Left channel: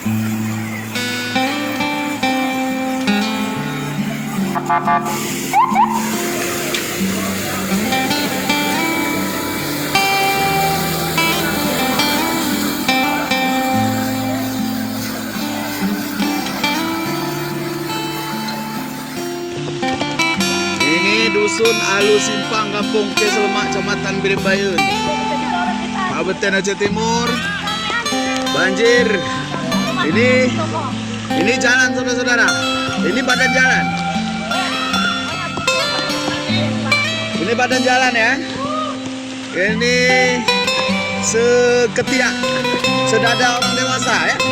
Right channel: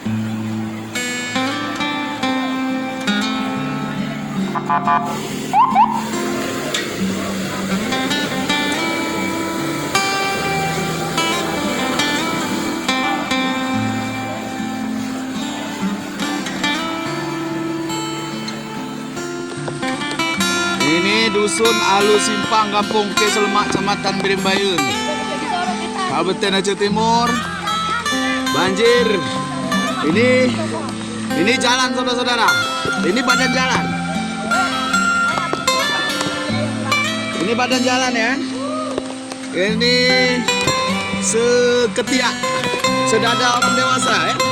Ini dusun Alu Simpang, Kampung Keselemak, Kecamatan Birimbayun, Kabupaten Aceh Timur. Banjir. Ini jalan, saudara-saudara. Ini badan jalan. Ini badan jalan ya. Ini seketiak, sedada orang dewasa ya.